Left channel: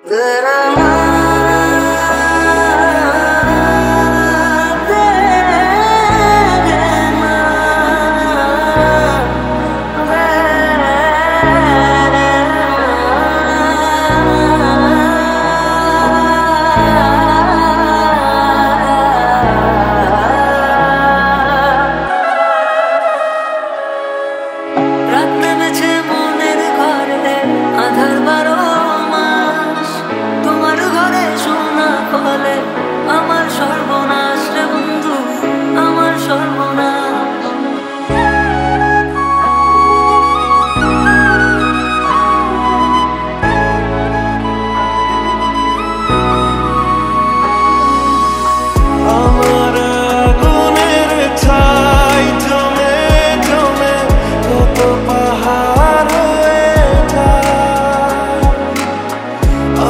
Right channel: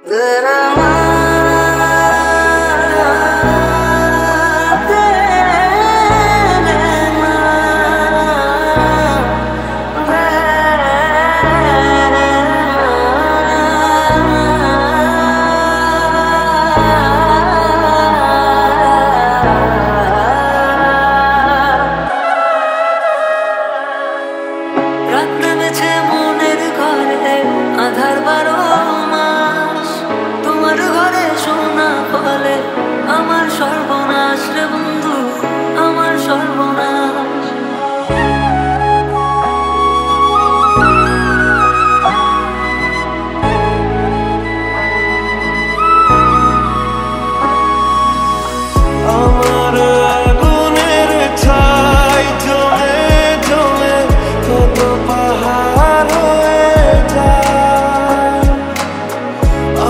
রাত নেমেছে মনের ঘরে আধার 12 মাস, তোমার ঘরে শোনা বলে আমার সর্বনাশ রে বন্ধু, আমার সর্বনাশ। আমার আগুনের ছাই জমে জমে কত পাহাড় হয়ে যায়,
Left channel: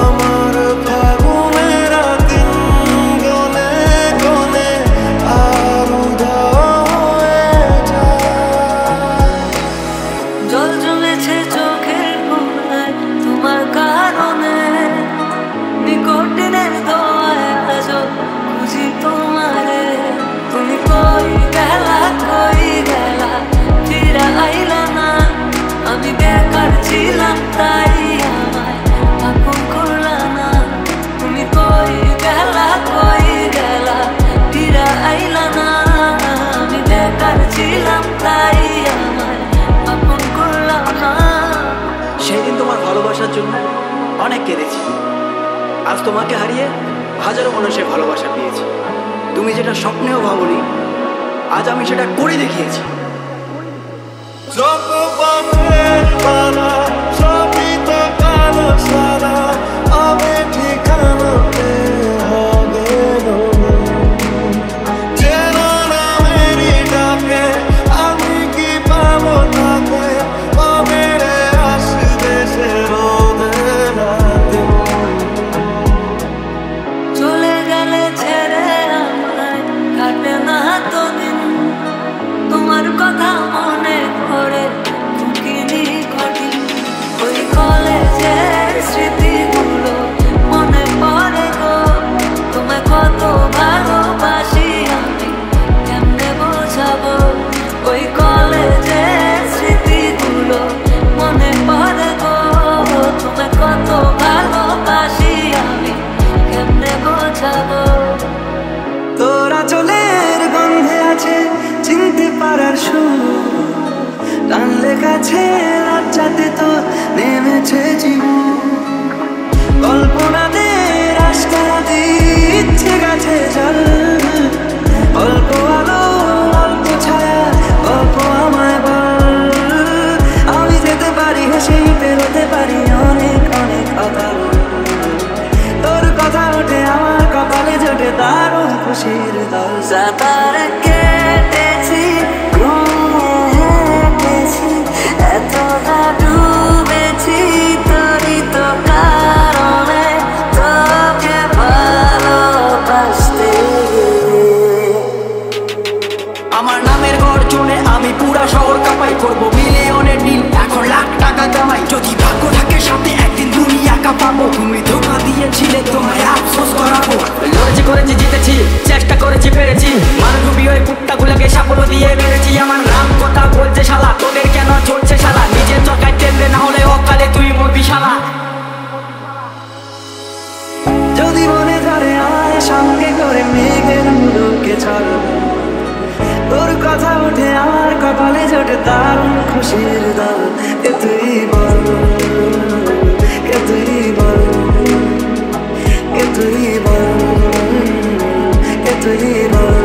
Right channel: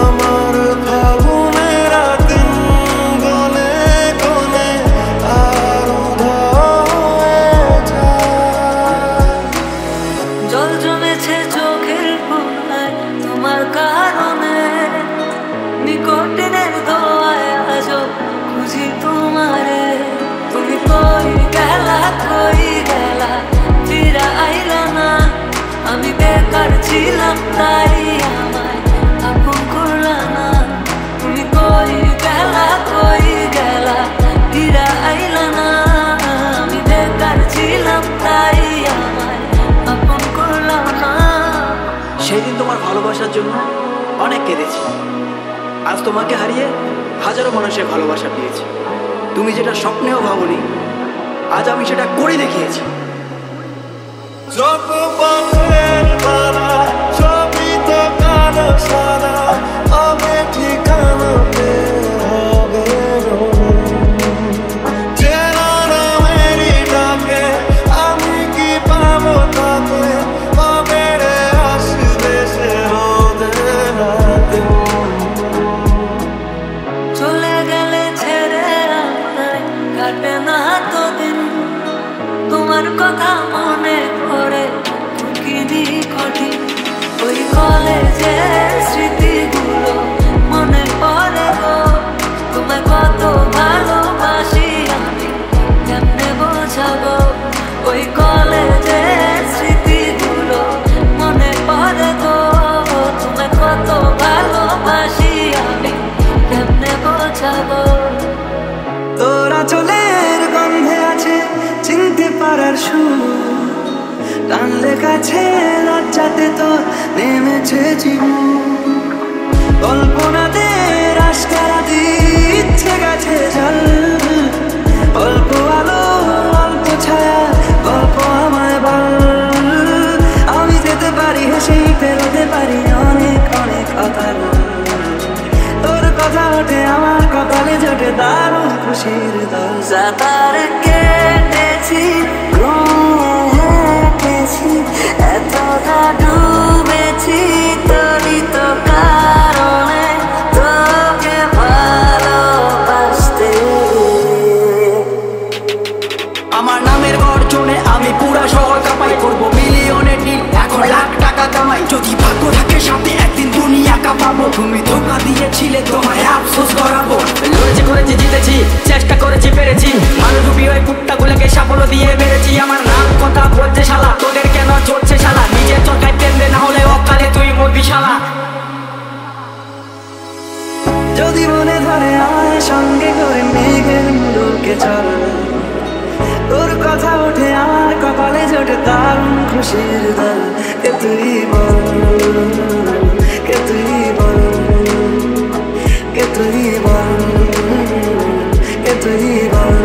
আমার ফাগুনের দিন গনে গনে আর উধাও হয়ে যায়। জল জমেছে চোখের কোনায় তোমার কারণে, নিকটিনের দোয়ায় আজও খুঁজি তোমারে। তুমি কই গেলা ফিরা আইলা না, আমি বেকার ছিলাম তাই আমায় আপন করলা না। তুমি কই গেলা ফিরা আইলা না, আমি বেকার ছিলাম তাই আমায় আপন করলা না। সেদিন তোমার ভালোবাসার জন্য অনেক কেঁদেছি, আজ তোমাকে হারিয়ে হাজারো মানুষের ভালোবাসা পেয়েছি। তুমি যেটা স্বপ্নেও ভাবনি, আজ আমি সেটা করে দেখিয়েছি। যত পথের মালা সবই তো কালো সারা, আমি ঠিকানা হবে চেনা নামেরই ডাকে, আমি কি পাবো তাকে, পাবে রে আসবে সে রোদের দিন। চলে গেলে ছেড়ে আমায় কাটে না তো দিন, তোমার কথা মনে করে ঢুকিনি কঠিন। ওই কলেজের স্মৃতিগুলো মনে পড়ে গো, তোমায় কত ভালোবাসি আমি কেমনে বোঝাবো। ওই কলেজের স্মৃতিগুলো মনে পড়ে গো, তোমায় কত ভালোবাসি আমি কেমনে বোঝাবো। তোরা চলের গন্ধে আছে চিনতে পারার সুর, টানলে কাছে লজ্জাতে তোর নেমেছে জীবন। কল্পনাদের আশকারা দিচ্ছে গাছে জল, অল্প আলো অল্প ছায়া গল্প আমায় বল। আমি যেতে পারি হেসেই পেরোতে পারি অনেক অনেক অতল, তোর কথা ওঠে আমার কপালে জোটে দারুণ খুশির দল। সাঁতার কেটেছি হেঁটেছি এতটা ডুবেছি তোরই তো কারণে, তোকে ভালোবাসতে আমার নামের গর্জনে আমি পুরা শহর কাঁপাই, করবো মিলিয়নের ডিল এখন লাখ টাকা কামাই। যদি ভাগ্য থাকে সাথে একদিন দুনিয়া কাঁপাবো, তুমি ধোঁকা দিয়েছিলে তোমায় আফসোস করাবো। লড়েছি করেছি জিতেছি চেষ্টা করেছি পেরেছি, মানুষ ডুবি ওই কুত্তাগুলোকে সাফল্য দিয়ে মেরেছি। আমার নাম কথা বলছে শালা, তোদের কেন চলছে শালা, নিজের চরকায় তেল দে না হলে অকালে তুই মরবি শালা। যদি মনে ধরে আমায় সঙ্গে করে মেঘের মুলুকে চল, তোর কথা ওঠে আমার কপালে জোটে দারুণ খুশির দল। কে তুই বল, কে তুই বল, কে তুই বল, কে তুই বল।